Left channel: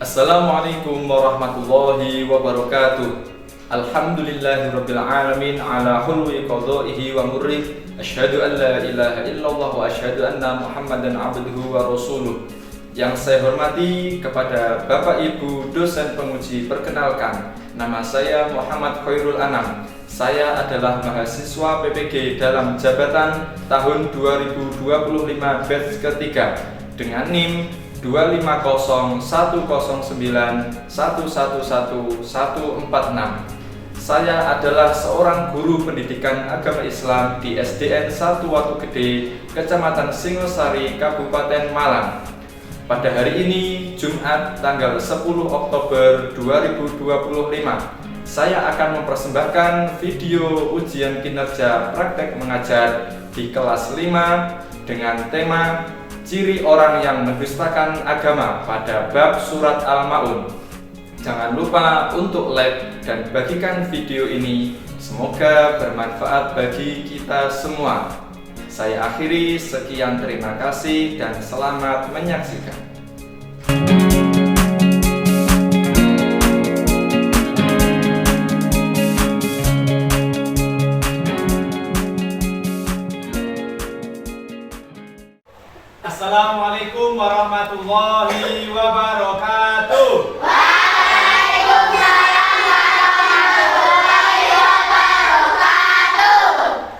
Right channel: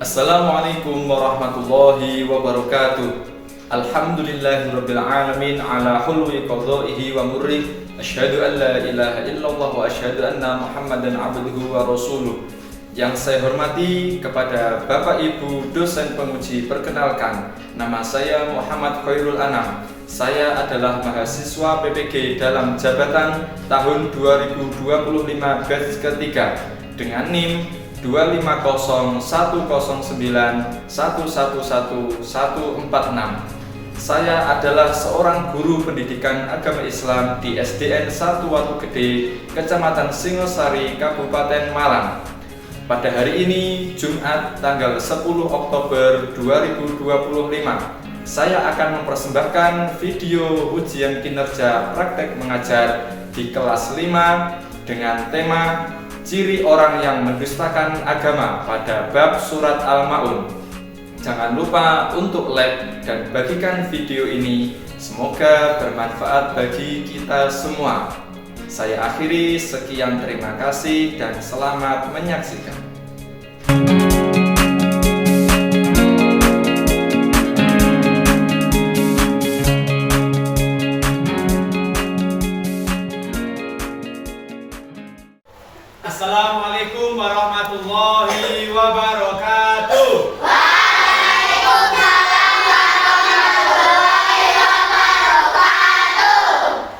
Assalamualaikum warahmatullahi wabarakatuh. Alhamdulillahirabbil alamin ala hulwi qadaihi wa murrih. Asyhadu an la ilaha illallah wa asyhadu anna Muhammadan abduhu wa rasuluh. Yang saya hormati kepada Bapak Ibu dosen penguji, perkenalkan, nama saya Muhammad Khairul Anam. Saya adalah mahasiswa PPG dalam jabatan tahun 2025 batch ketiga dengan NIM 2501091111146. Saya adalah seorang guru pendidikan agama Islam di SDN 1 Watu Gede, Kecamatan Singosari, Kabupaten Malang. Pada hari ini, Jumat tanggal 10 Oktober 2025, saya akan mempersembahkan video ujian kinerja praktek mengajar di kelas 5 dengan tema ciri orang yang mendustakan agama pada bab surat Al-Ma'un. Jangan lupa untuk like dan bagikan video ini. Semoga bermanfaat bagi kita semua. Saya akhiri, sekian, terima kasih dan selamat menyaksikan. Assalamualaikum warahmatullahi wabarakatuh. Waalaikumsalam warahmatullahi wabarakatuh.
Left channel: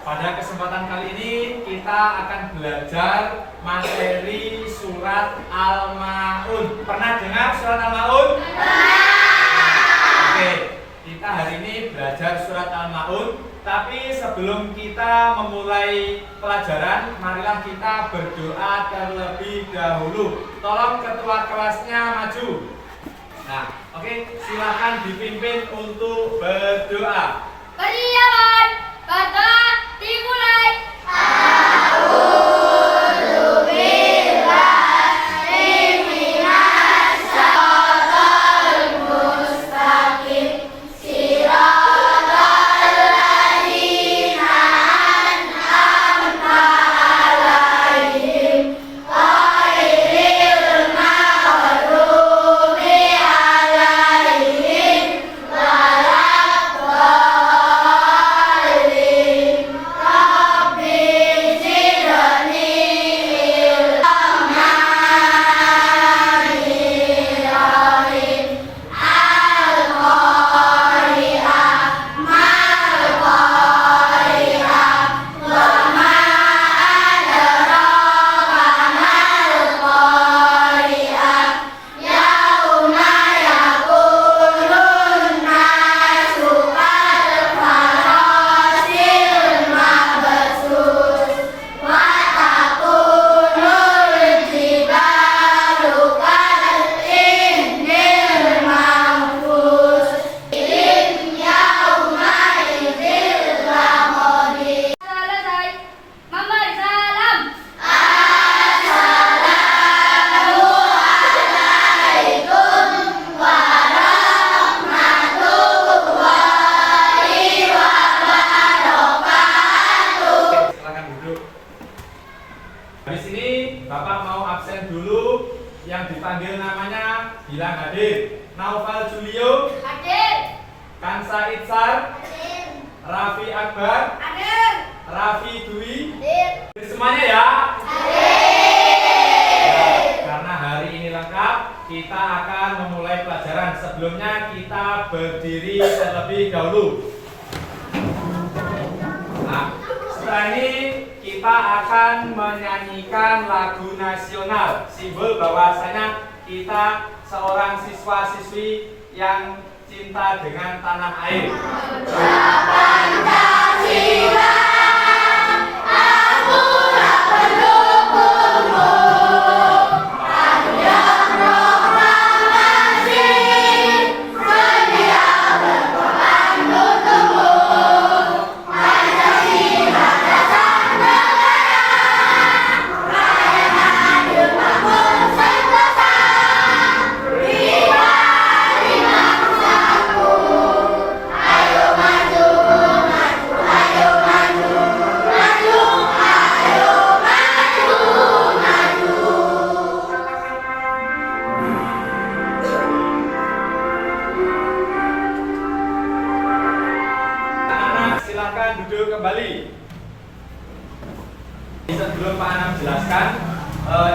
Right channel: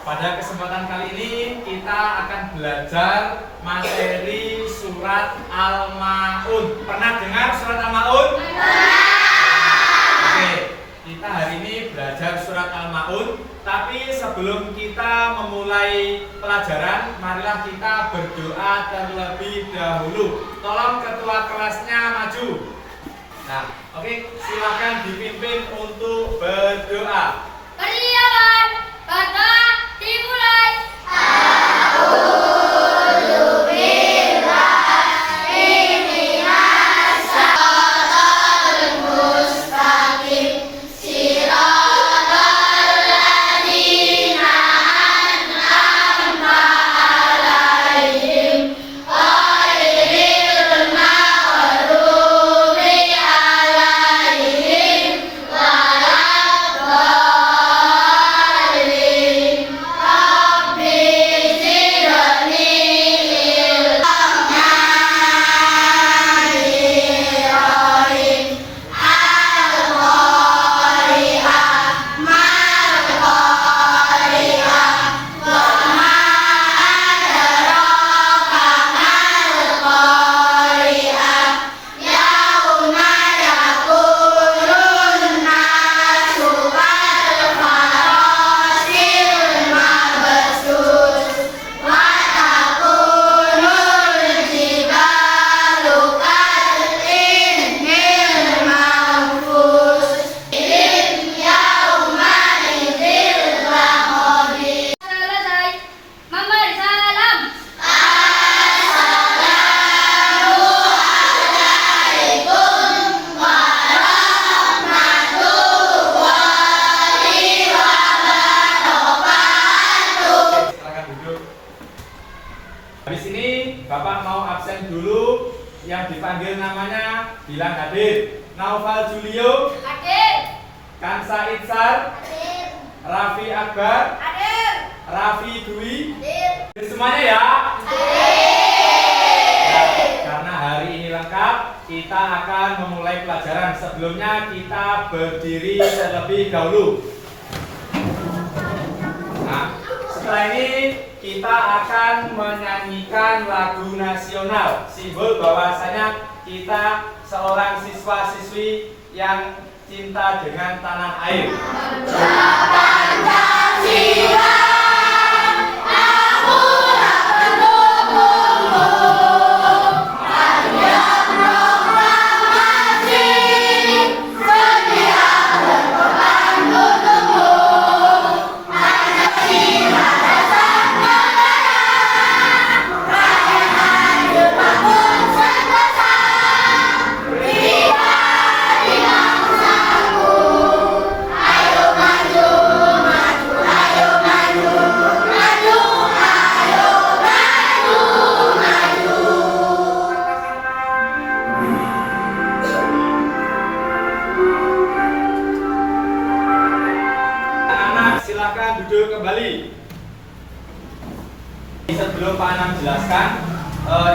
Pada kesempatan kali ini kita akan belajar materi surat Al-Ma'un. Pernah dengar surat Al-Ma'un? Oke, kita hari ini belajar surat Al-Ma'un. Tapi sebelum kita memulai pelajaran, marilah kita berdoa terlebih dahulu. Tolong ketua kelasnya maju. Nah, oke, silakan dipimpin untuk berdoa. Persiapan, berdoa dimulai. Habis ini Bapak mau absen dulu. Yang dipanggil namanya bilang hadir. Naufal Julio, Hadir. Kansa Itzar, Hadir. Raffi Akbar, Hadir. Raffi Dwi. Hadir. Semuanya ya. Hadir. Karena hari ini lengkap, kita akan memulai pelajaran. Sebelumnya kita berdiri terlebih dahulu. Nah, setelah ini kita akan menyanyikan lagu nasional, simbol bahwasanya kita seorang siswa-siswi yang cinta dengan tanah air. Pancasila. Ayo maju, maju, ayo maju. sebelum Pak Anam jelaskan,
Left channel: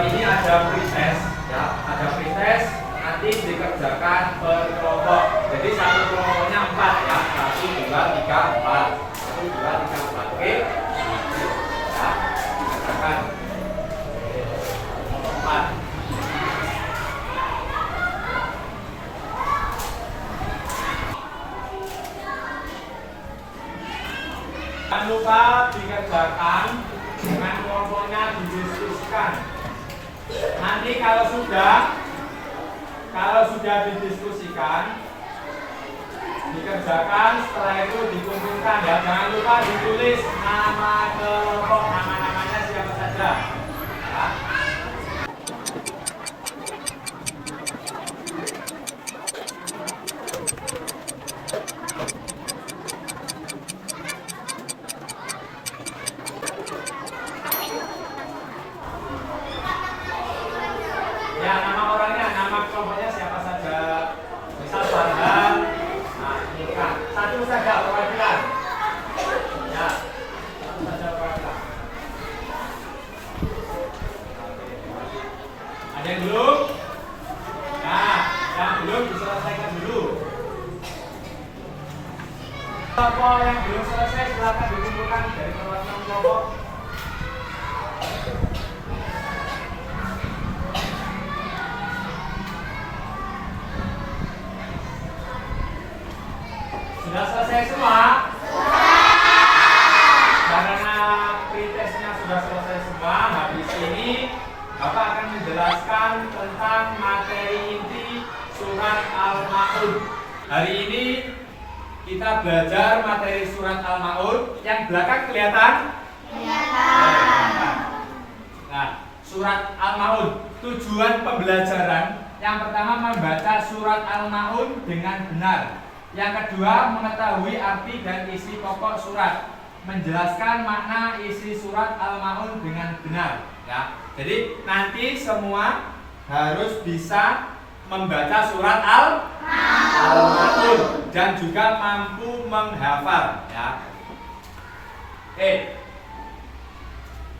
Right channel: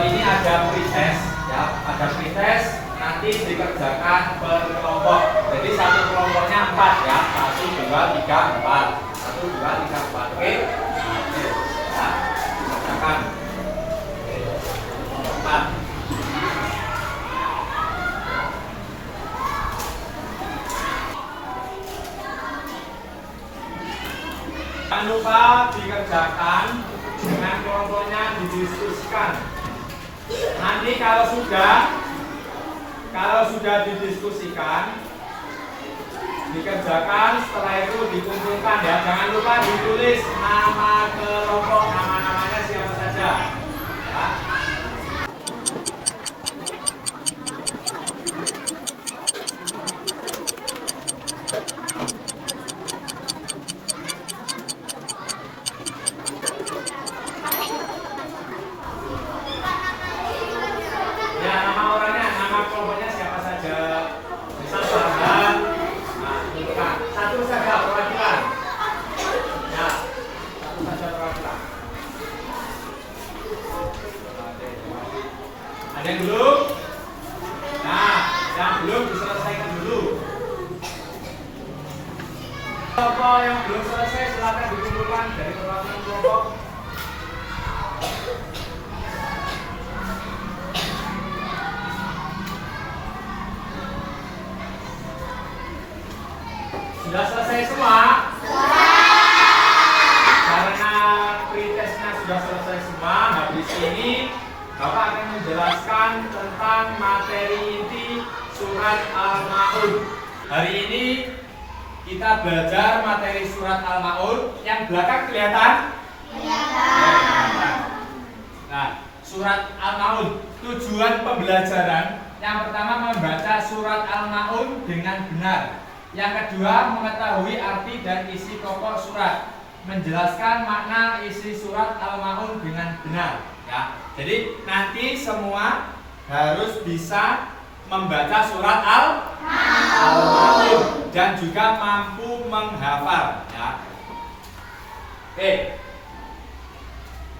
ini ada pretest, ya, ada pretest nanti dikerjakan per kelompok. Jadi satu kelompoknya 4 ya, 1, 2, 3, 4, 1, 2, 3, 4, oke? Ya, kerjakan 4. Jangan lupa dikerjakan dengan kelompoknya didiskusikan. Nanti kalau sudah didiskusikan, dikerjakan, setelah itu dikumpulkan ya. Jangan lupa ditulis nama kelompok, nama-namanya siapa saja. Ya. Ya, nama orangnya, nama kelompoknya siapa saja. Misal Farhan, nah, bukan. Satu saja perwakilan. Ya, satu saja perwakilan. Ada yang belum? Nah, yang belum diselesaikan dulu. Kelompok yang belum selesai silakan dikumpulkan dari perwakilan kelompok. Sudah selesai semua? Karena pretestnya sudah selesai semua, habis ini Bapak akan menjelaskan tentang materi inti surat Al-Ma'un. Hari ini kita belajar materi surat Al-Ma'un. Yang belakang kelihatan? Kelihatan. Nah, surat Al-Ma'un, tujuan pembelajaran yang pertama membaca surat Al-Ma'un dengan benar. Yang kedua, mengetahui arti dan isi pokok surat, menjelaskan makna isi surat Al-Ma'un dengan benar. Ya, jadi nanti semua harus bisa membaca surat Al-Ma'un dan juga mampu menghafal. Ya. Oke,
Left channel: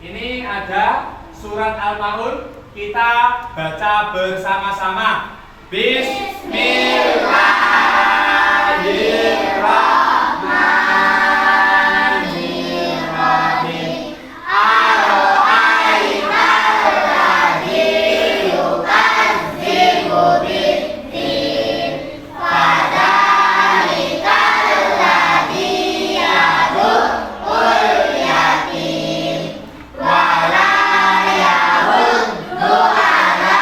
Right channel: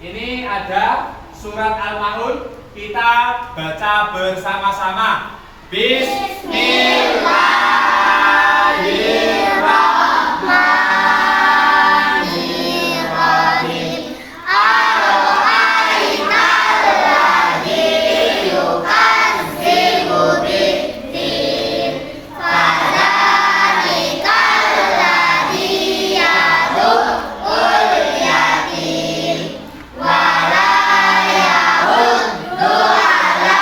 ini ada surat Al-Ma'un. Kita baca bersama-sama. Bismillahirrahmanirrahim. Ar-Rahmanir-Rahim yukadzibu bid-din. Fadzalikal ladzi yad'ul yatim wa la yahuddu ala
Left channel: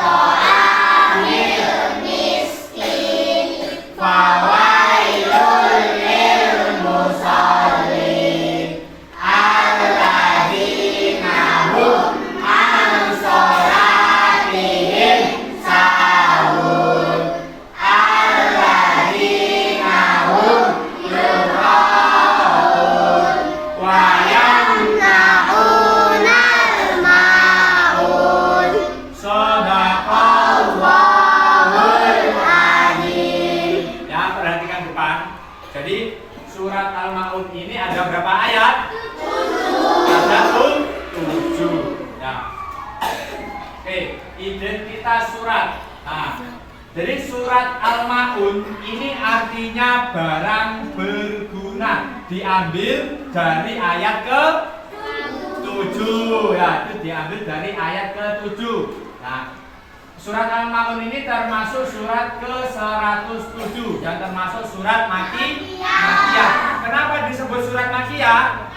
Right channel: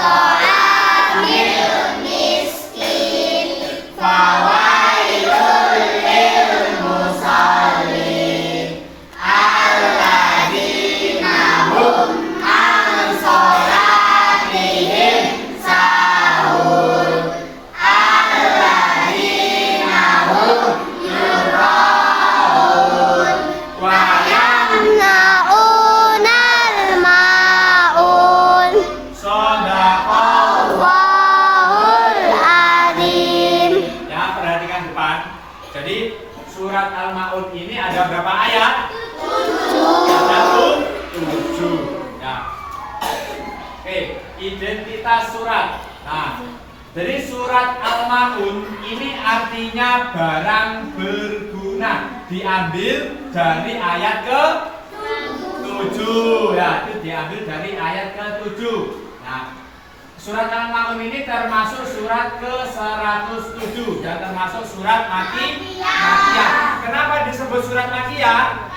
ta'amil miskin. Fawailul lil musallin alladzina hum an sholatihim sahun alladzina hum yura'un wa yamna'unal ma'un. Shadaqallahul adzim. Ya, perhatikan depan. Jadi surat Al-Ma'un ini ada berapa ayat? 7. Ya. Oke, identitas surat. Nah, jadi surat Al-Ma'un ini artinya barang berguna. Diambil dari ayat ke-7. Ya, itu diambil dari ayat ke-7. Nah, surat Al-Ma'un ini termasuk surat ke-107 dan termasuk surat Makiyah. Kenapa disebut surat Makiyah?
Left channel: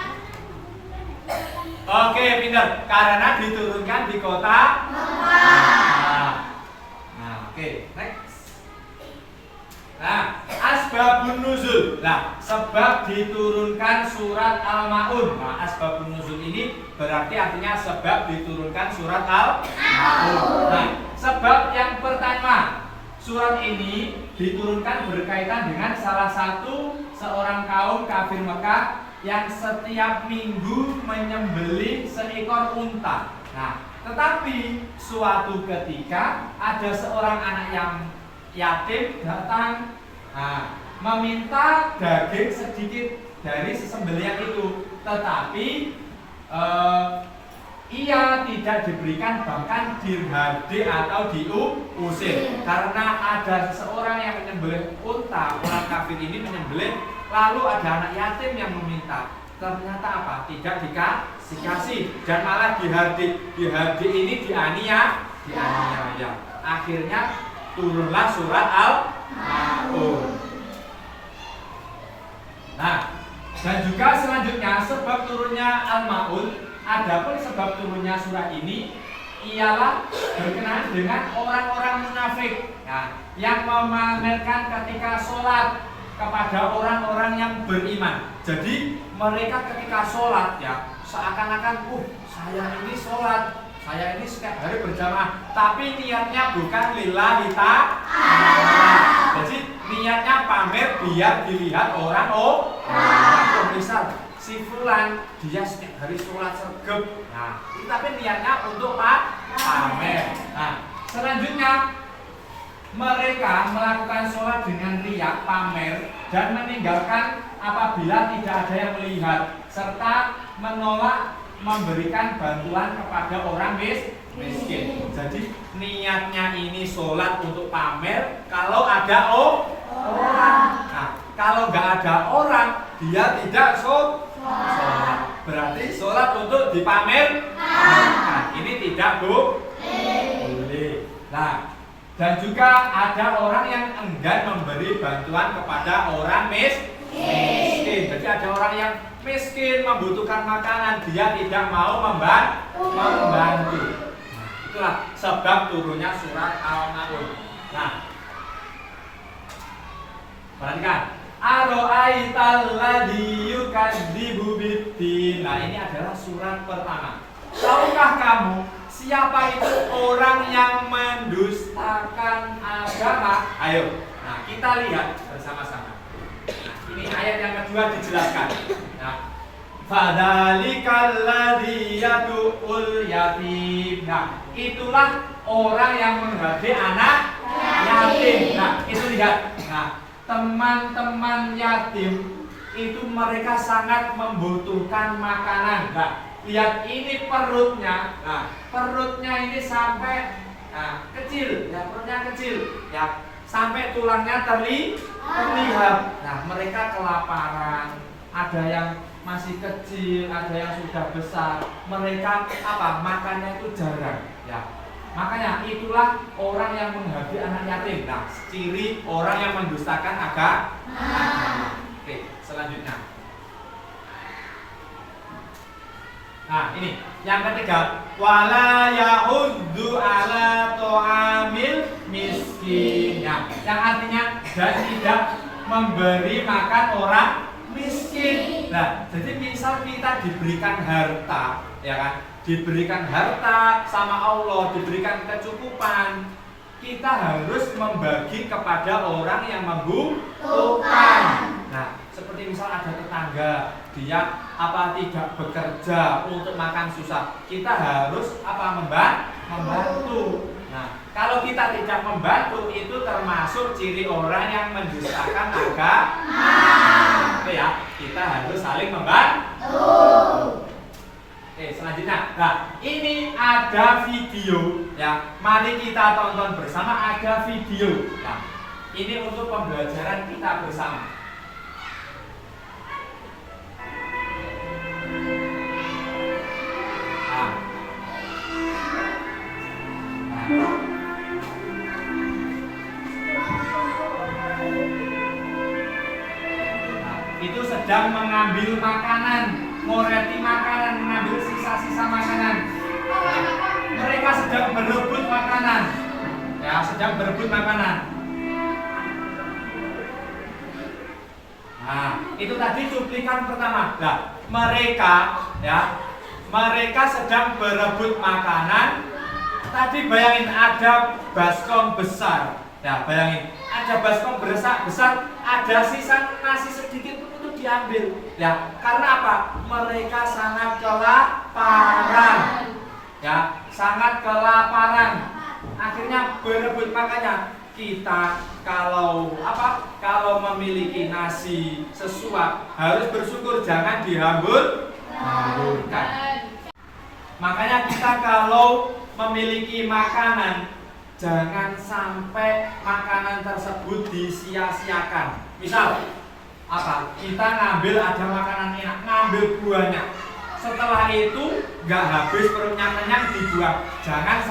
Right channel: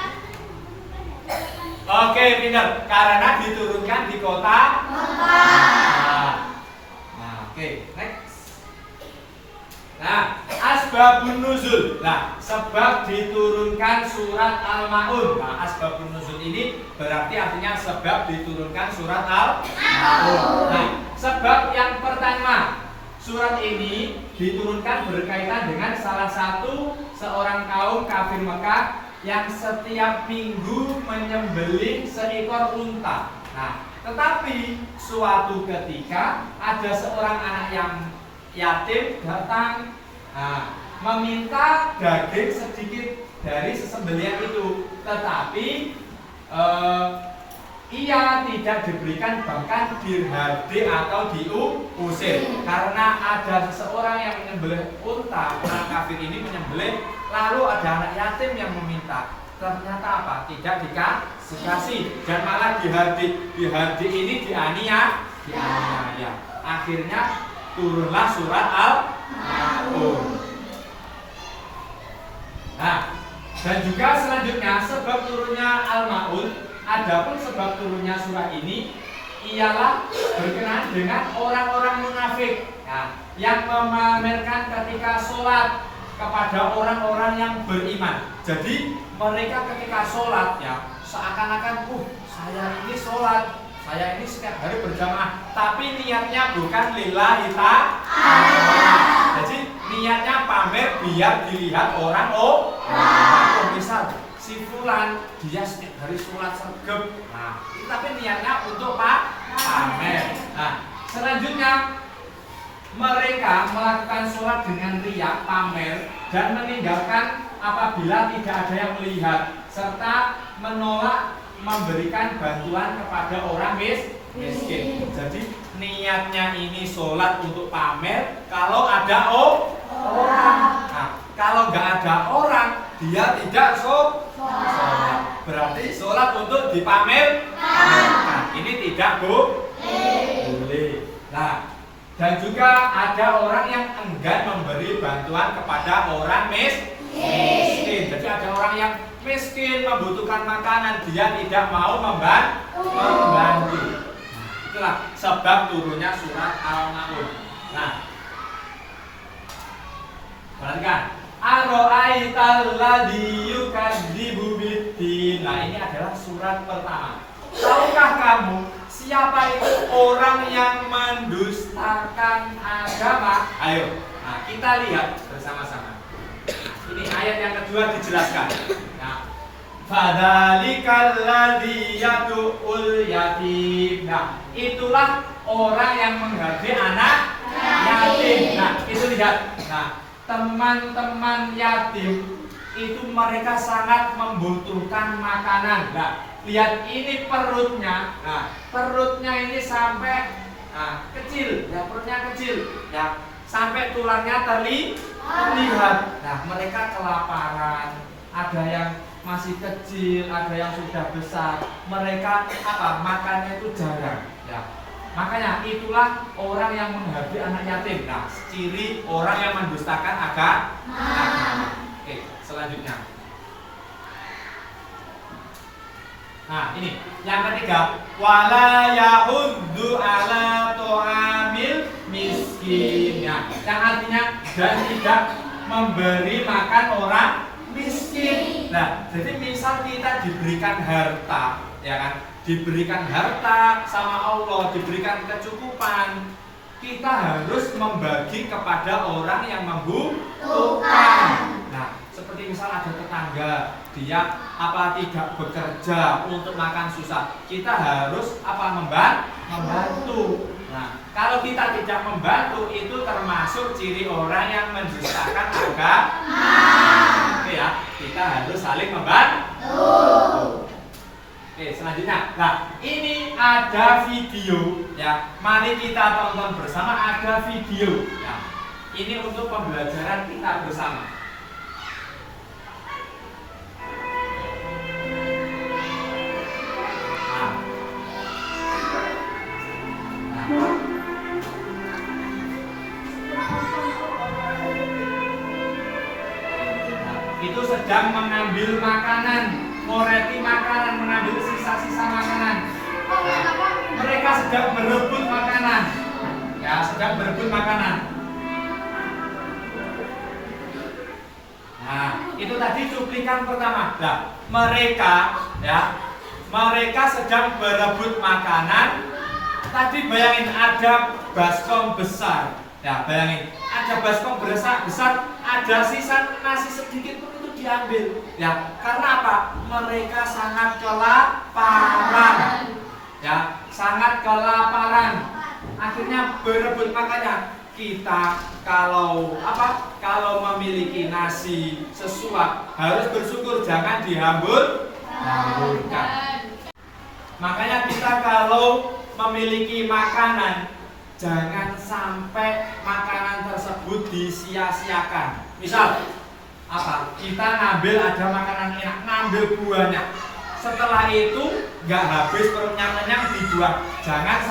Oke, pinter. Karena diturunkan di kota Makkah. Nah, oke, next. Nah, asbabun nuzul. Nah, sebab diturunkan surat Al-Ma'un. Nah, asbabun nuzul ini berarti artinya sebab diturunkan surat Al-Ma'un. Nah, sebab yang pertama, surat ini diturunkan berkaitan dengan salah satu seorang kaum kafir Mekah yang setiap minggu menyembelih seekor unta. Nah, tetapi suatu ketika ada seorang anak yang yatim datang, meminta daging sedikit dari sesembelihan itu, tetapi ia tidak diberikan bahkan dirhadi atau diusir karena ada seseorang yang menyembelih unta. Orang kafir ini menyembelih, lalu ada anak yatim yang meminta. Ternyata apa? Tidak dikasih dan malah dihardi ini dianiaya. Akhirnya turunlah surat Al-Maun. Nah, dan juga selanjutnya sebab turunnya Al-Maun, adapun sebab turunnya surah ini ialah berkenaan dengan orang-orang munafik yang memamerkan ketika sholat kepada orang-orang yang beriman. Jadi mereka ketika sholat seakan-akan saya ini sholat, saya ini setiap hari berjamaah, tapi niatnya bukan lillahi ta'ala. Jadi niatnya pamer biar dilihat orang. Misal si fulan dia setiap hari sholat sergap, tapi niatnya untuk pamer. Selanjutnya mereka melakukan sholat dengan riya, pamer, dan meninggalkan apabila tidak ada yang melihat, serta menolak memberikan bantuan kepada orang miskin. Jadi niatnya ini sholat untuk pamer kalau ada orang. Kalau nggak ada orang, dia tidak sholat. Berarti sholat untuk dipamerkan. Ini tidak boleh. Dan juga ada orang yang enggan memberi bantuan kepada orang miskin. Jadi ada orang yang miskin membutuhkan makanan, dia tidak mau membantu. Itulah sebab turunnya surat Al-Maun. Perhatikan. Aro'aital ladzi yukadzibu biddin. Ini adalah surat pertama. Tahukah kamu siapa itu orang yang mendustakan agama? Ayo, kita lihat bersama-sama. Ini ayat yang kedua dijelaskan. Fadzalikal ladzi yad'ul yatim. Itulah orang yang menghadapi anak yatim. Itu lihat. Teman-teman yatim itu mereka sangat membutuhkan makanan. Lihat ini perutnya. Perutnya ini sampai kecil, perutnya kecil, sampai tulangnya terlihat. Mereka kelaparan. Ada yang masih kecil, ada yang sudah besar. Mereka makannya itu jarang. Makanya itulah orang yang menghadapi anak yatim. Ciri orang yang mendustakan agama. Oke, selanjutnya. Ini yang ketiga, wala yahuddu ala ta'amil miskin. Yang artinya dan tidak memberi makan orang miskin. Jadi misal kita diberikan harta, diberikan harta sama Allah, diberikan kecukupan, kita harus membagi kepada orang yang membutuhkan. Seperti misal ada tetangga, dia tidak bekerja untuk makan susah, kita harus membantu. Kalau kita tidak membantu, itu termasuk ciri orang yang mendustakan agama. Oke kita harus saling membantu. Oke, selanjutnya. Ini ada video Mari kita tonton bersama, ada video. Ini untuk pembelajaran kita bersama. Itu sedang mengambil makanan, ngoreti makanan, mengambil sisa-sisa makanan. Mereka sedang berebut makanan. Sedang berebut makanan. Itu tadi cuplikan pertama. Mereka sedang berebut makanan. Tadi bayangin ada baskom besar. Bayangin, ada baskom besar, ada sisa nasi sedikit pun itu diambil. Karena apa? Mereka sangat kelaparan. Sangat kelaparan. Akhirnya berebut. Makanya kita kalau memiliki nasi sesuap harus bersyukur, jangan dihamburkan. Makanya kita kalau memiliki makanan, jangan sampai makanan tersebut disia-siakan. Misal apa? Kita ngambil ada makanan enak, ngambil buahnya. Setelah itu nggak habis perutnya kenyang dibuang. Jangan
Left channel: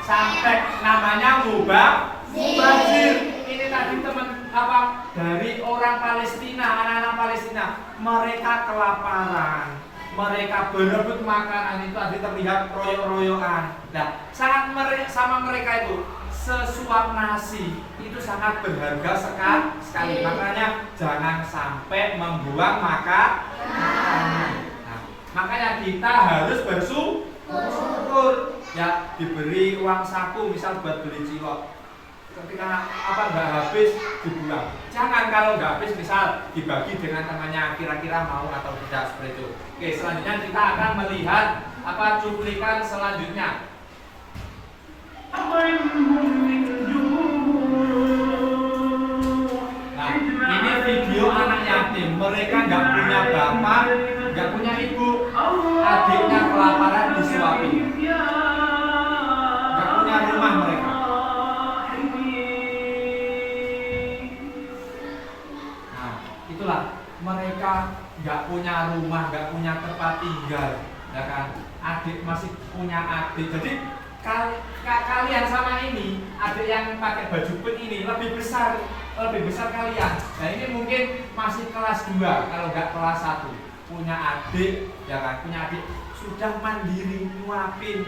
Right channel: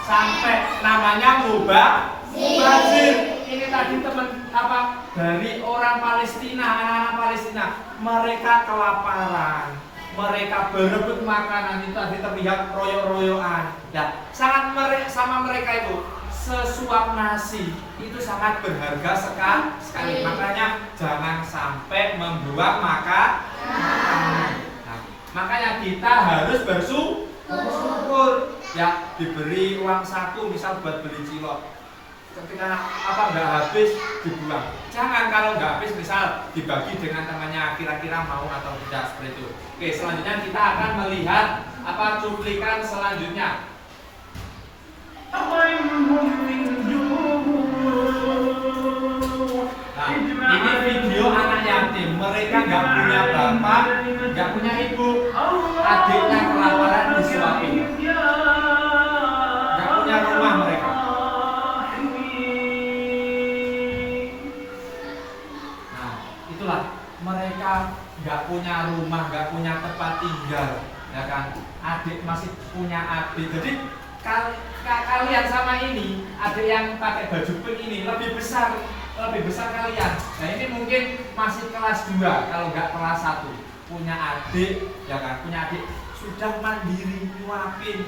sampai, namanya mubazir. Ini tadi teman apa dari orang Palestina, anak-anak Palestina, mereka kelaparan, mereka berebut makanan, itu tadi terlihat royok-royokan. Nah, sama mereka itu sesuap nasi itu sangat berharga sekali. Makanya jangan sampai membuang makanan. Nah, makanya kita harus bersyukur. Ya, diberi uang saku misal buat beli cilok. Ketika apa nggak habis dibuang. Jangan, kalau nggak habis misal dibagi dengan temannya, kira-kira mau atau tidak, seperti itu. Oke, selanjutnya kita akan melihat apa cuplikan selanjutnya. Nah, ini video anak yatim. Mereka nggak punya bapak, nggak punya ibu, adiknya kelaparan disuapin. Nggak punya rumah mereka. Itulah, mereka nggak punya rumah, nggak punya tempat tinggal, ya kan? Adik masih punya adik. Jadi kalian sama ini, adik yang pakai baju pink ini lebih besar kalian. Nah, ini mungkin masih kelas 2 kalau nggak kelas 1. Punya adik, ya kan? Punya adik sudah mandiri nyuapin.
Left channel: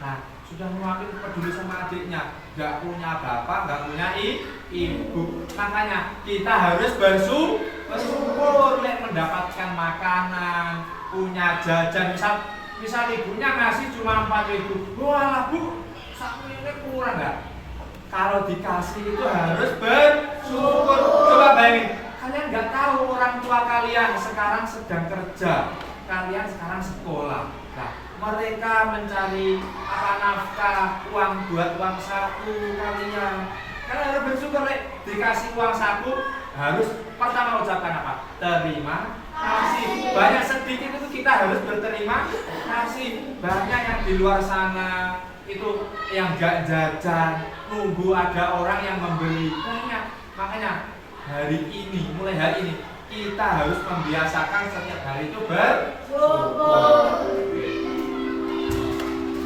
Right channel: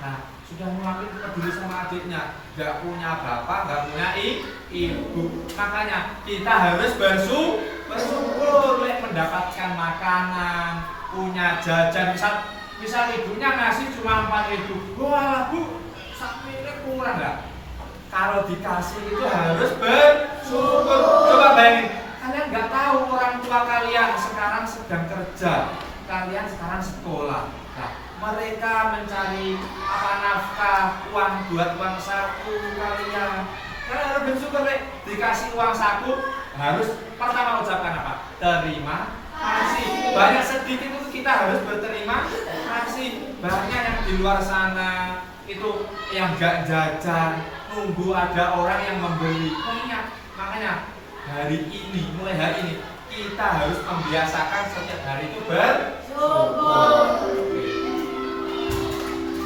Nah, sudah nyuapin, peduli sama adiknya. Nggak punya bapak, nggak punya ibu. Makanya kita harus bersyukur mendapatkan makanan, punya jajan. Misal ibunya ngasih cuma 4.000. Wah, Bu, sapi ini kurang nggak? Kalau dikasih itu harus bersyukur. Coba bayangin, kalian nggak tahu orang tua kalian sekarang sedang kerja, kalian sekarang sekolah. Nah, mereka mencari apa nafkah, uang buat uang saku kalian. Kalian harus bersyukur, dikasih uang saku, harus pertama ucapkan apa? Terima kasih. Banyak sedikit itu kita harus berterima kasih. Banyak yang di luar sana itu yang gak jajan, nunggu ada orang yang membeli. Banyak. Makanya mulai hari ini kita harus membiasakan setiap hari itu bersyukur.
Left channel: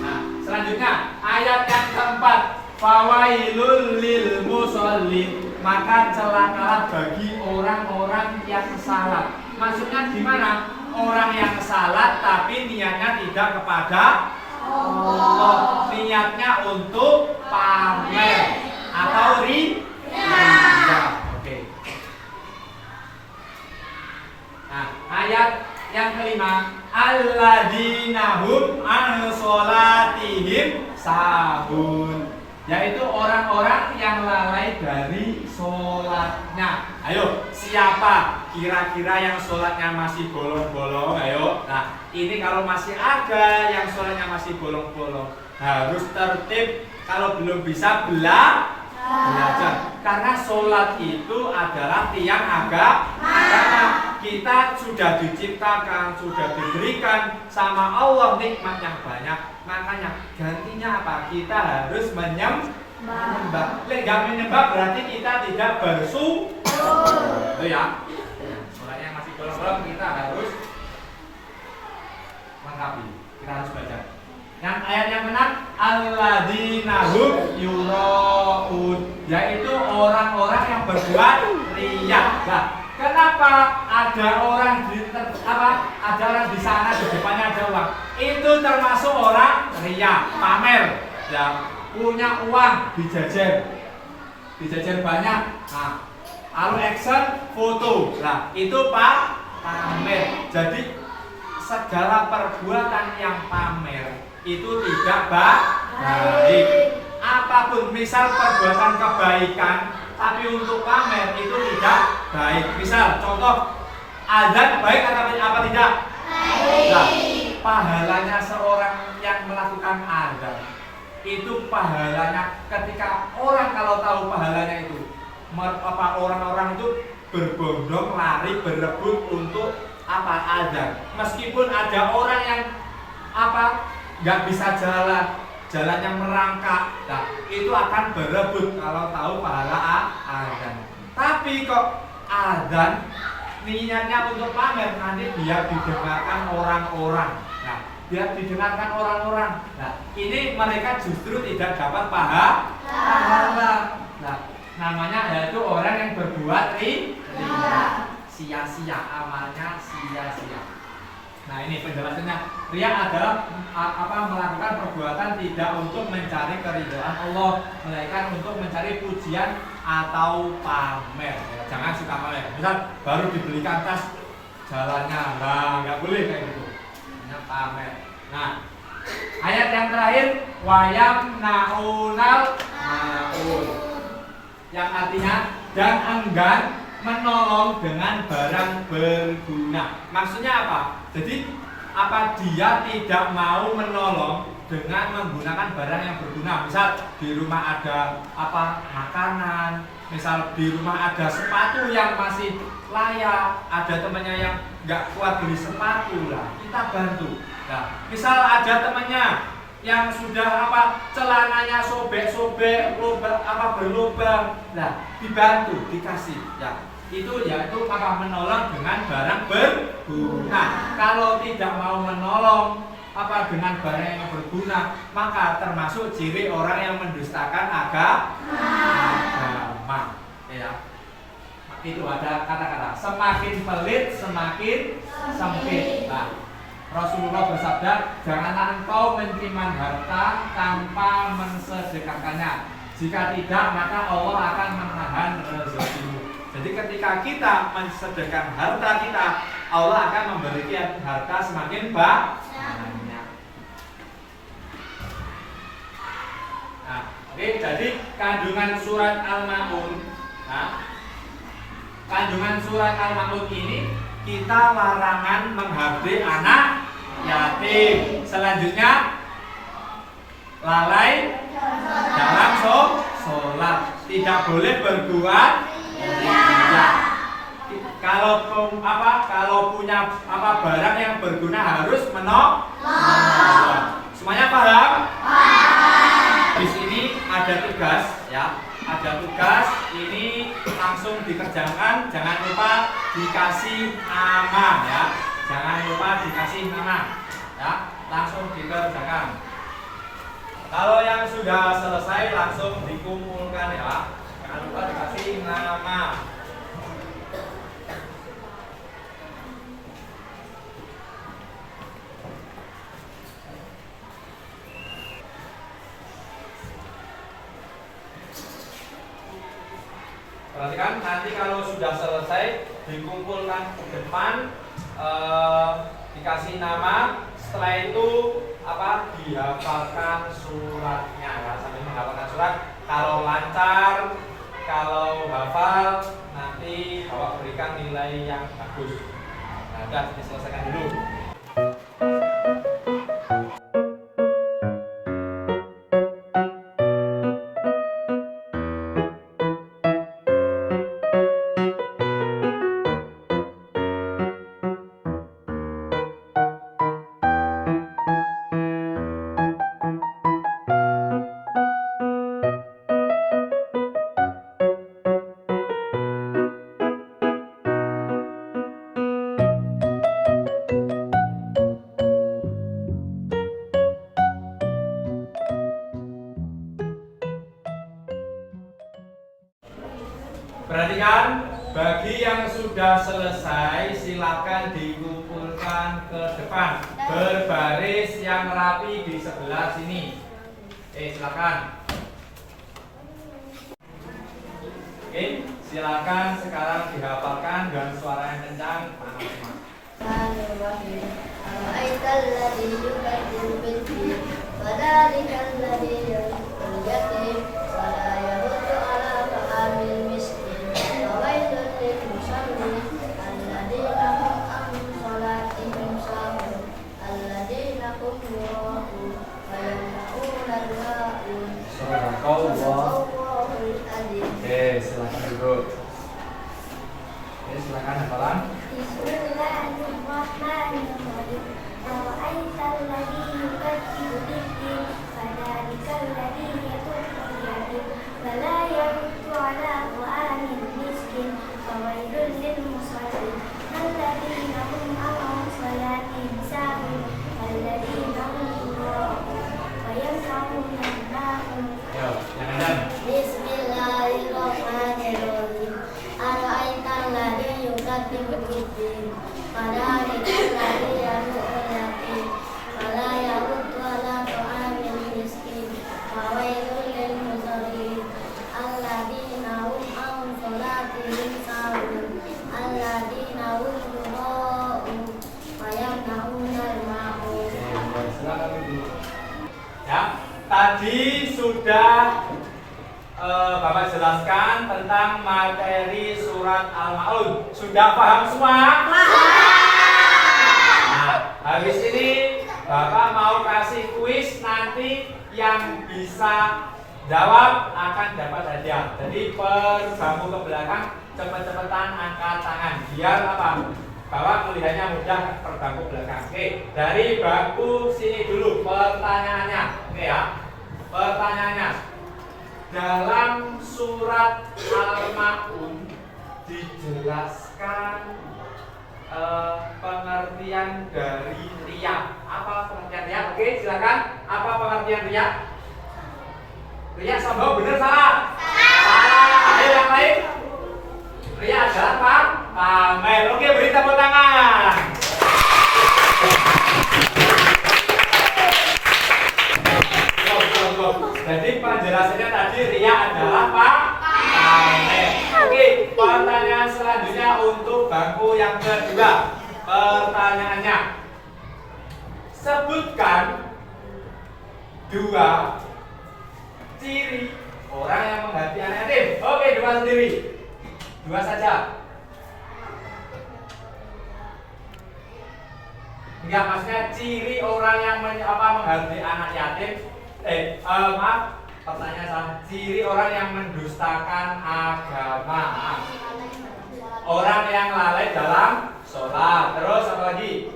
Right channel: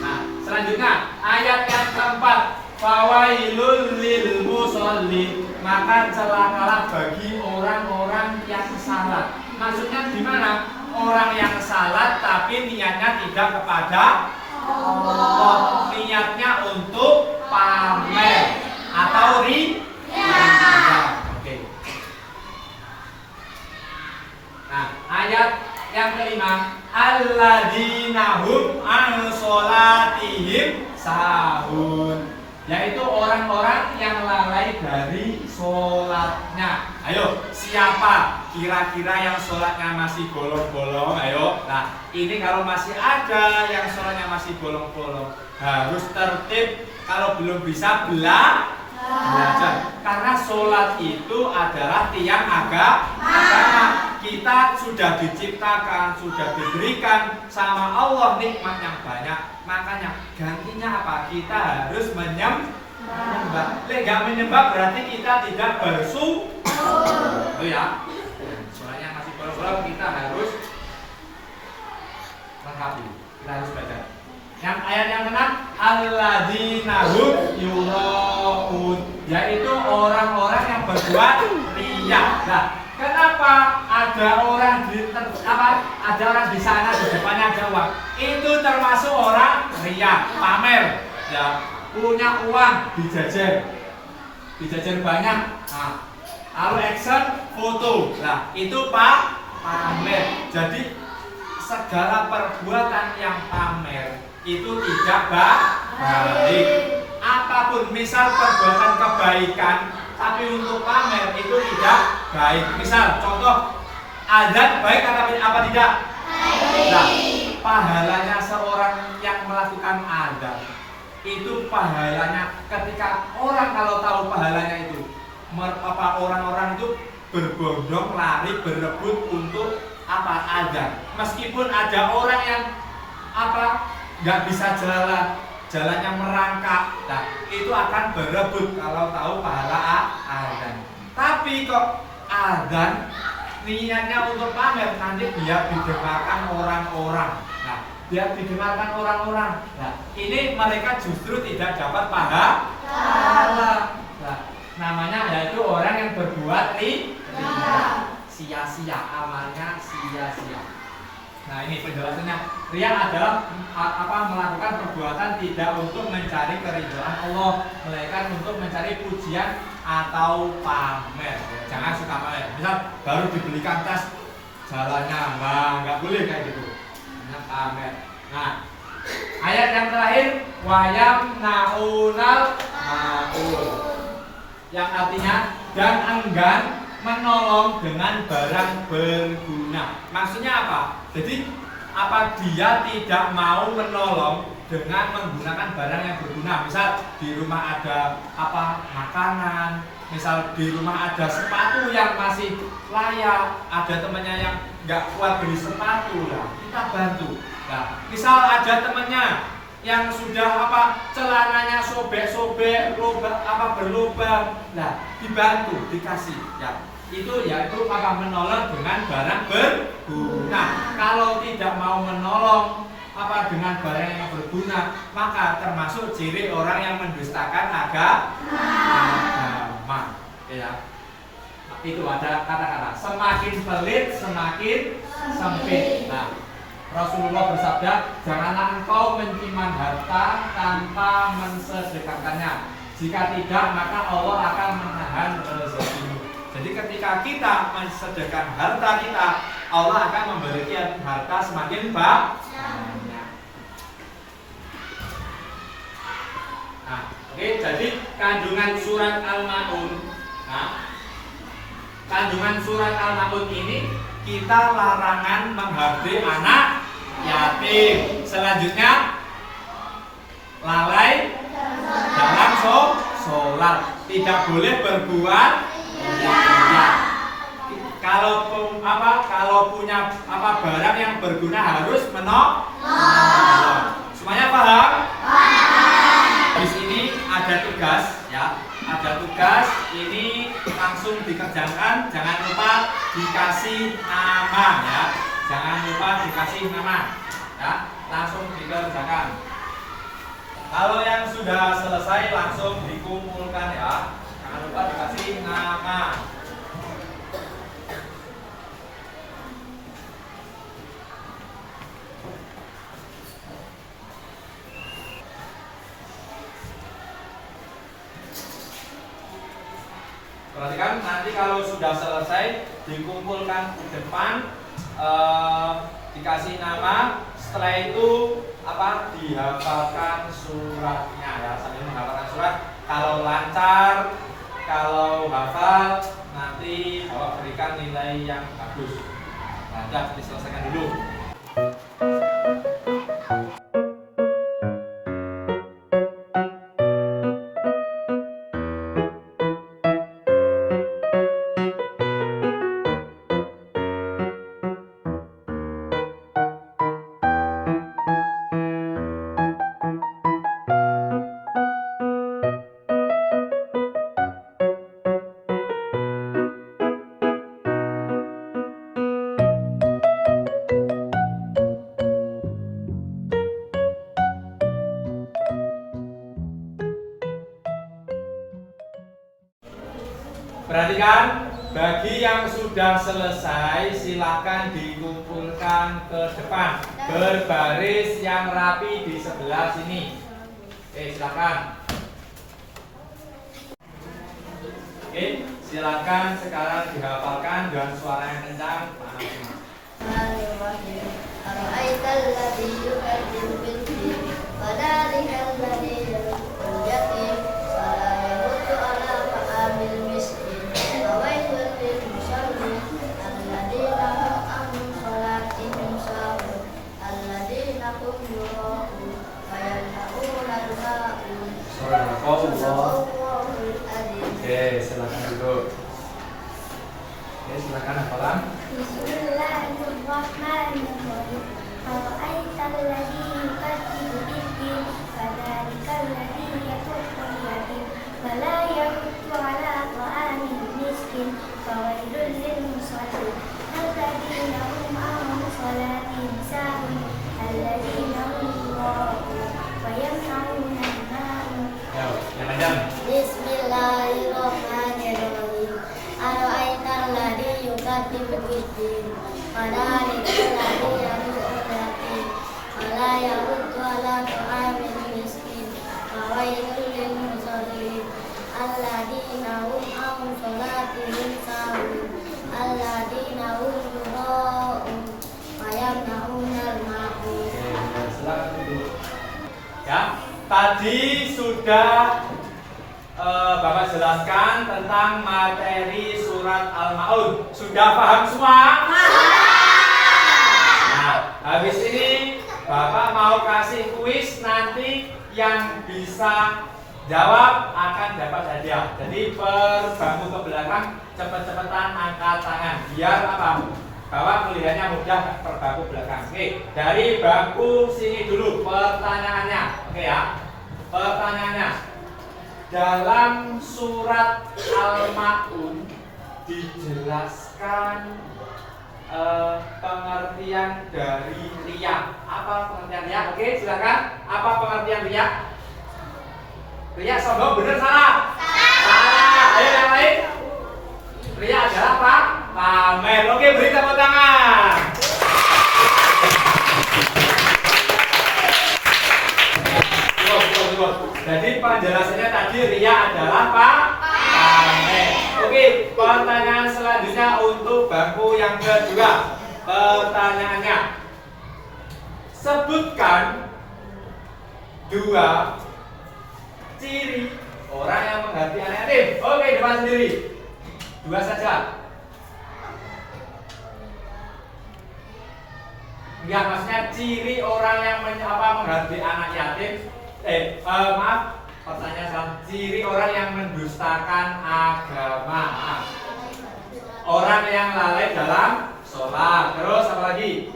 Nah, selanjutnya ayat yang keempat, fawailul lil musallin, maka celakalah bagi orang-orang yang salat. Maksudnya gimana? Orang yang salat tapi niatnya tidak kepada Allah, niatnya untuk pamer atau riya. Oke. Nah, ayat yang kelima, alladzina hum an sholatihim sahun, yaitu orang-orang yang lalai dari sholatnya. Ayo, siapa kira-kira yang sholatnya masih bolong-bolong? Ayo, nah ini kalau masih ada yang sholatnya masih bolong-bolong, harus tertib. Kalau belum bisa belajar, karena sholat itu adalah tiang agama. Kita sudah diciptakan, sudah diberikan sama Allah nikmat yang banyak. Makanya gantinya apa? Kita harus menyembah. Nggak menyembah berarti kita tidak bersyukur. Oh ya, soalnya masih bolong-bolong, kita harus lengkapi. Kita harus belajar. Yang ayat yang benar, alladzina hum yuraun, yaitu orang-orang yang berbuat riya. Nah, kenapa ada orang di sana di depannya ada uang? Itu termasuk orang riya, pamer. Ya, punya uang dijajar banyak. Nah, lalu action foto. Nah, itu pamer. Jadi segala perbuatan yang pamer itu tidak baik. Apapun, misal perbuatan kebaikan tapi untuk pamer itu tidak baik. Misal contoh, azan baik atau apa tidak? Nah, pahalanya seorang yang melakukan azan itu pahalanya ketika orang kalau tahu pahalanya itu orang-orang itu berbondong lari berebut untuk azan. Meskipun ada orang yang nggak bisa jalannya merangkak. Nah, itu akan berebut kalau tahu pahala adzan. Tapi kok adzan niatnya untuk pamer, nanti biar didengarkan orang-orang. Nah, biar didengarkan orang-orang. Nah, ini mereka justru tidak dapat pahala. Nah, namanya yaitu orang yang berbuat riya. Sia-sia, amalnya sia-sia. Nah, ini penjelasannya. Riya adalah melakukan perbuatan tidak untuk mencari keridhaan Allah, melainkan untuk mencari pujian atau pamer. Jangan suka pamer. Misal baru dibelikan tas, jalannya nggak boleh kayak gitu. Hanya pamer. Nah, ayat yang terakhir wayam naunal maul, yang artinya dan enggan menolong dengan barang berguna. Maksudnya apa? Jadi apa dia tidak mau menolong dengan menggunakan barang yang berguna. Misal di rumah ada makanan, misal di rumah ada sepatu yang masih layak, ada temannya yang nggak kuat beli sepatu lah, kita bantu. Nah, misal ada temannya yang sudah celananya sobek-sobek, berlubang, lah dibantu, dikasih, ya. Itu yaitu menolong dengan barang berguna. Kalau tidak mau menolong dengan barang yang berguna, maka termasuk ciri orang yang mendustakan agama. Ya. Itu ada kata-kata semakin pelit semakin sempit. Nah, Rasulullah bersabda, janganlah engkau menyimpan harta tanpa mensedekahkannya. Jika tidak, maka Allah akan menahan rezekimu. Jadi ketika kita mensedekahkan harta kita, Allah akan memberikan harta semakin banyak. Nah, oke, jadi kandungan surat Al-Maun. Nah, kandungan surat Al-Maun ini kita larangan menghardik anak yatim. Selanjutnya lalai dalam sholat, tidak boleh berbuat riya. Kalau punya barang yang berguna harus menolong. Semuanya paham? Di sini ada tugas, ya. Ada tugas, ini langsung dikerjakan. Jangan lupa dikasih nama, ya. Jangan lupa dikasih nama, ya. Langsung dikerjakan. Kalau yang sudah selesai langsung dikumpulkan, ya. Jangan lupa dikasih nama. Perhatikan, nanti kalau sudah selesai dikumpulkan ke depan, dikasih nama. Setelah itu dihafalkan suratnya, ya, sambil menghafalkan surat. Kalau lancar, kalau hafal, nanti Bapak berikan nilai yang bagus. Nah, sudah diselesaikan dulu. Perhatikan, bagi yang sudah selesai silakan dikumpulkan ke depan, berbaris yang rapi di sebelah sini. Silakan. Oke, silakan sekarang dihafalkan dengan suara yang kencang, panas semua. Oke, silakan duduk. Oke, silakan hafalan. Bismillahirrahmanirrahim. أرأيت الذي يكذب بالدين فذلك الذي يدع اليتيم ولا يحض على طعام المسكين فويل للمصلين الذين هم عن صلاتهم ساهون الذين هم يراءون ويمنعون الماعون. Bismillahirrahmanirrahim. Ara'aital ladzi yukadzibu biddin fadzalikal ladzi yad'ul yatim wa la yahuddu 'ala ta'amil miskin fawailul lil musallin alladzina hum 'an shalatihim sahun alladzina hum yura'un wa yamna'unal ma'un. Silakan Ibu. Ya, tadi sudah Bapak jelaskan tentang materi surat Al-Maun. Sudah paham semua? Nah, habis ini Bapak mau kasih kuis, nanti yang bisa jawab akan dapat hadiah. Jadi berbangku ke belakang, cepet-cepetan angkat tangan. Biar apa? Bapak melihatnya mudah berbangku belakang. Oke, dari bangku sini dulu pertanyaannya. Oke ya, pertanyaannya. Dalam surat Al-Maun dijelaskan pengertian dari riya. Apa pengertian riya? Oke, silakan. Apa pengertian riya? Riya sombong, benar salah? Salah. Ayo yang lain. Riya adalah apa? Pamer. Oke, beri tepuk tangan. Jadi penjelasannya tadi riya adalah pamer. Oke, pertanyaan selanjutnya untuk bangku yang kedua. Pertanyaannya, sebutkan dua ciri orang yang menghadapi anak yatim. Oke, dua sendiri, dua saja. Enggak, maksudnya ciri orang yang menghadapi anak yatim. Maaf, pertanyaan salah. Ciri orang yang mendustakan agama, orang yang lalai dalam sholat. Terus apa lagi?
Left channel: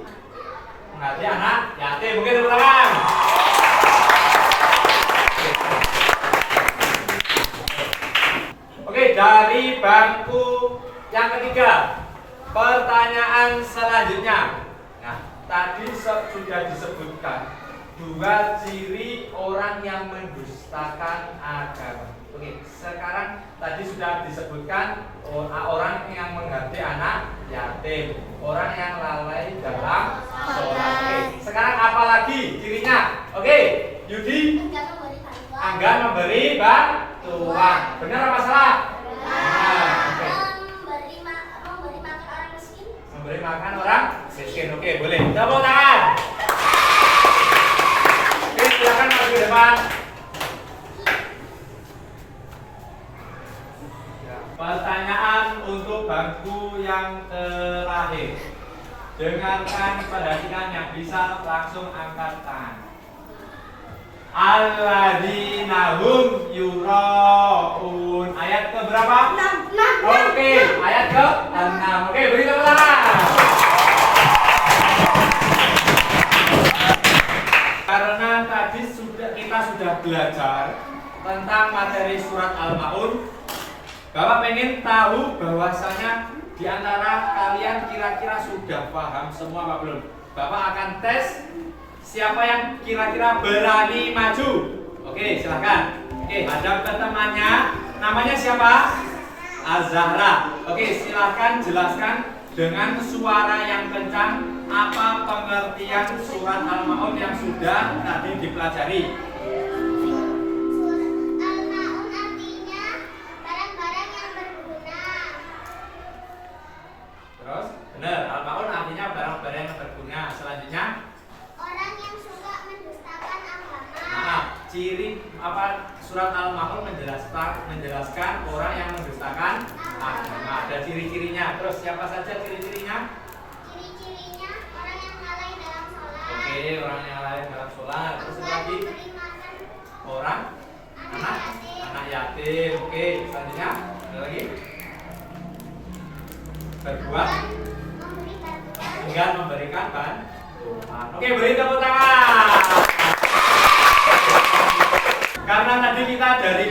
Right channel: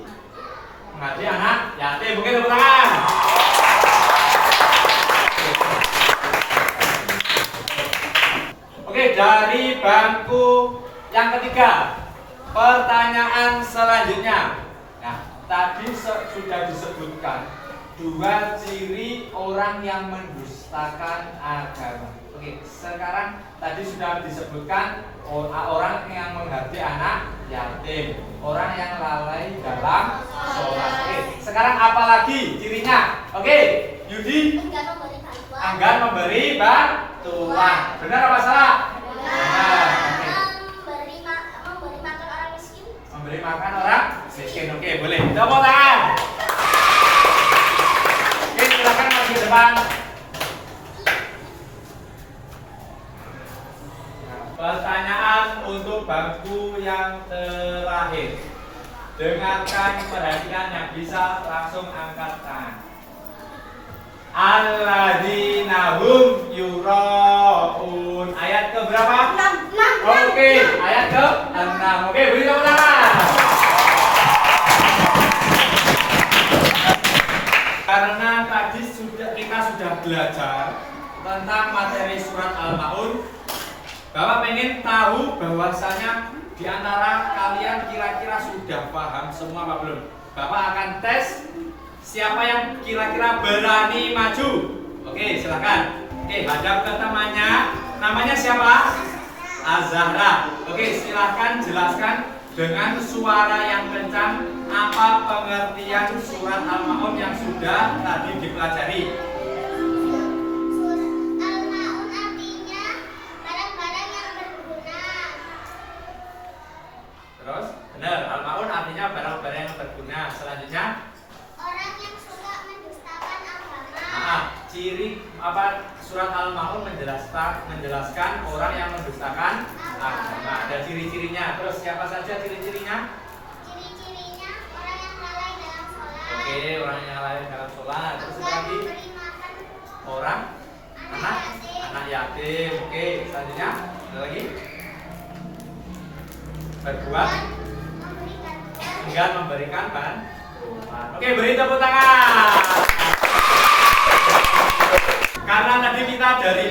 Menghadapi anak yatim. Mungkin tepuk tangan. Oke, dari bangku yang ketiga, pertanyaan selanjutnya. Nah, tadi sudah disebutkan dua ciri orang yang mendustakan agama. Oke, sekarang tadi sudah disebutkan orang yang menghadapi anak yatim, orang yang lalai dalam sholat. Oke, sekarang apa lagi cirinya? Oke, Yudi? Enggan memberi bantuan. Benar apa salah? Benar. Oke. Memberi makan orang miskin. Oke, boleh. Tepuk tangan. Silakan maju ke depan. Pertanyaan untuk bangku yang terakhir. Dengarkan perhatian yang bisa langsung angkat tangan. Alladzina hum yuraun. Ayat ke berapa? 6. Oke, ayat ke 6. Oke, beri tepuk tangan. Karena tadi kita sudah belajar tentang materi surat Al-Maun, Bapak pengen tahu bahwasanya di antara kalian kira-kira sudah paham semua apa belum? Bapak akan tes siapa yang kira-kira berani maju. Oke, silakan. Oke, hadap ke temannya. Namanya siapa? Az-Zahra. Oke, silakan jelaskan dengan suara yang kencang apa pengertian surat Al-Maun yang sudah tadi dipelajari. Surat Al-Maun artinya barang-barang yang berguna. Terus, benar, Al-Maun artinya barang-barang yang berguna. Selanjutnya, Orang yang suka mendustakan agama. nah, ciri apa surat Al-Maun menjelaskan orang yang mendustakan agama. Ada ciri-cirinya. Terus siapa saja ciri-cirinya? Ciri-cirinya orang yang lalai dalam sholat. Oke, orang yang lain dalam sholat. Terus apa Enggan lagi? memberi makan Orang anak yatim. Oke, selanjutnya ada lagi? Berbuat memberi bantuan enggan memberikan Oke, beri tepuk tangan. Karena tadi kita dari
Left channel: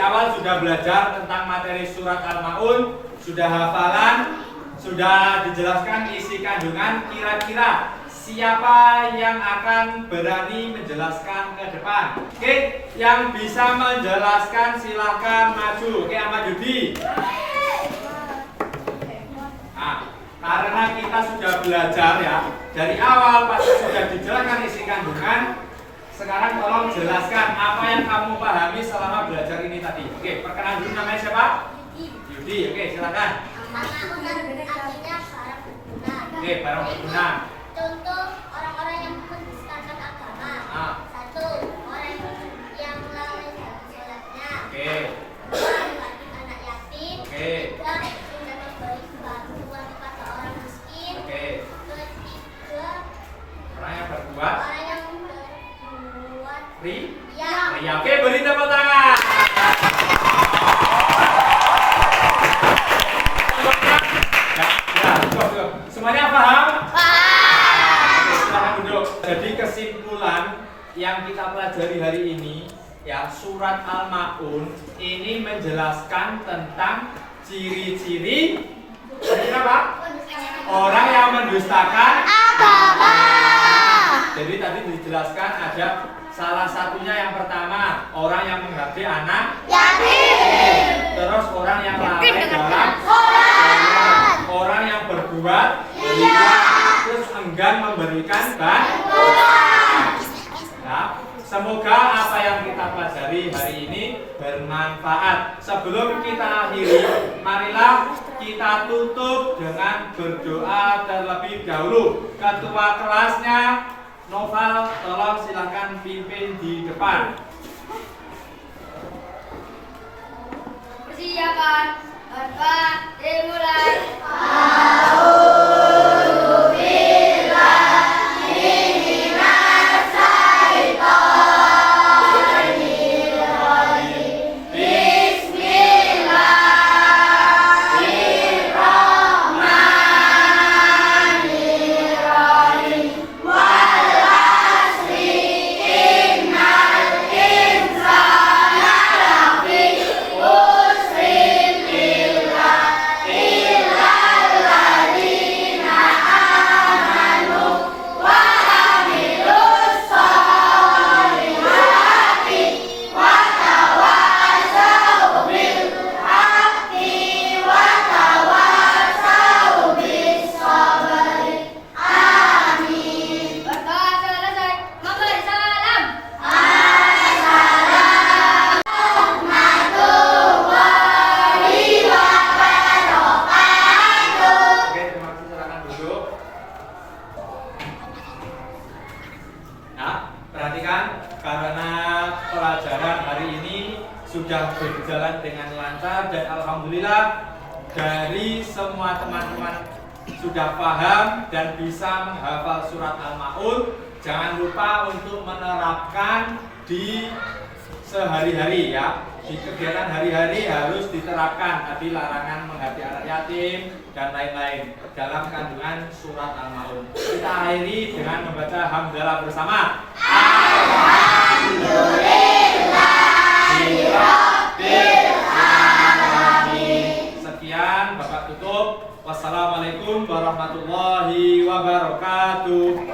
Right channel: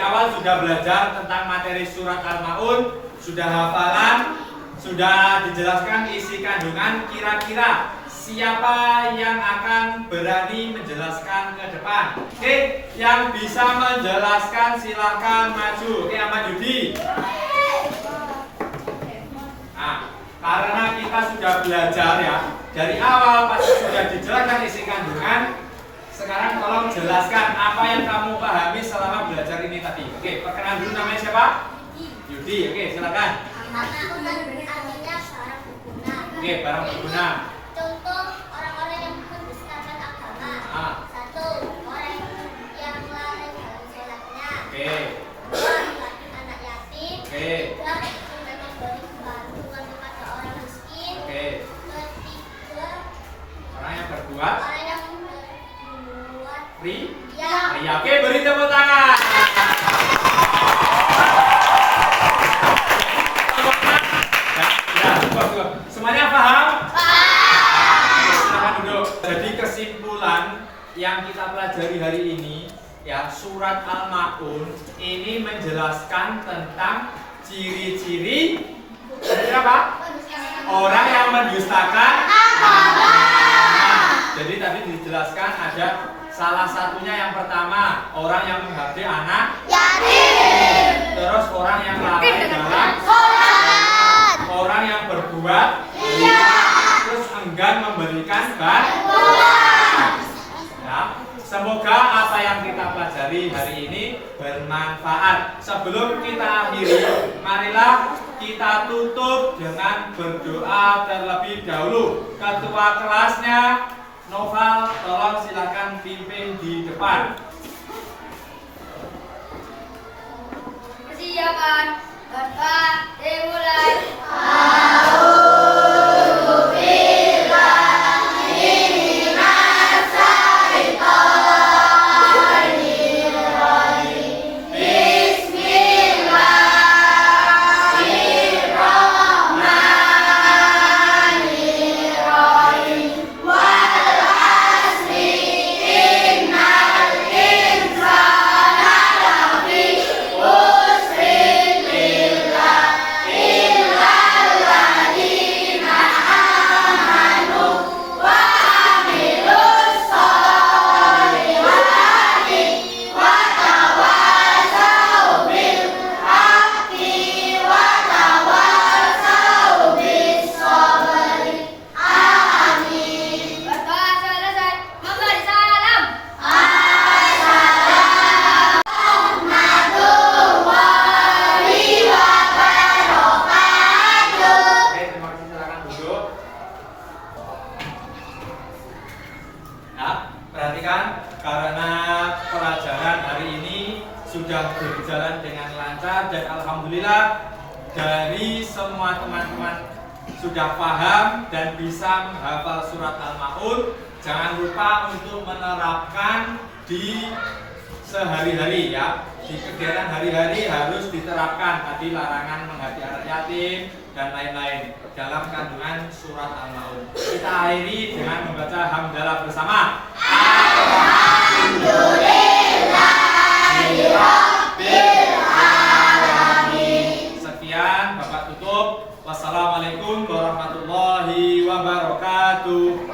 awal sudah belajar tentang materi surat Al-Maun, sudah hafalan, sudah dijelaskan isi kandungan, kira-kira siapa yang akan berani menjelaskan ke depan? Oke, yang bisa menjelaskan silahkan maju. Oke, Ahmad Yudi. Nah, karena kita sudah belajar ya, dari awal pasti sudah dijelaskan isi kandungan. Sekarang tolong jelaskan apa yang kamu pahami selama belajar ini tadi. Oke, perkenalan dulu, namanya siapa? Yudi. Oke, silakan. Al-Maun artinya barang berguna. Oke, barang berguna. Contoh orang-orang yang mendustakan agama. Ah. 1. Orang yang lalai dalam sholatnya. Oke. 2. Mengandung anak yatim. Oke. 3. Tidak memberi bantuan kepada orang miskin. Oke. 3. Orang yang berbuat Orang yang berbuat ria. ya. Oke, beri tepuk tangan. Cukup. Semuanya paham? Oke, silakan duduk. Jadi kesimpulan yang kita pelajari hari ini ya, surat Al-Maun ini menjelaskan tentang ciri-ciri apa? Orang yang mendustakan agama. Jadi tadi dijelaskan ada salah satunya yang pertama, orang yang menghabdi anak yatim. Terus orang yang lalai dalam sholat. Orang yang berbuat ria. Terus enggan memberikan bantuan. Ya, semoga apa yang kita pelajari hari ini bermanfaat. Sebelum kita akhiri, marilah kita tutup dengan berdoa terlebih dahulu. Ketua kelasnya Noval, tolong silakan pimpin di depan. Persiapan. Berdoa dimulai. Berdoa selesai. Memberi salam. Oke, terima kasih, silakan duduk. Nah, perhatikan karena pelajaran hari ini sudah berjalan dengan lancar dan alhamdulillah dari semua teman-teman sudah paham dan bisa menghafal surat Al-Maun. Jangan lupa untuk menerapkan di sehari-hari ya. Di kegiatan hari-hari harus diterapkan tadi larangan menghati anak yatim dan lain-lain dalam kandungan surat Al-Maun. Kita akhiri dengan membaca hamdalah bersama. Alhamdulillahirrahmanirrahim. Sekian, Bapak tutup. Wassalamualaikum warahmatullahi wabarakatuh.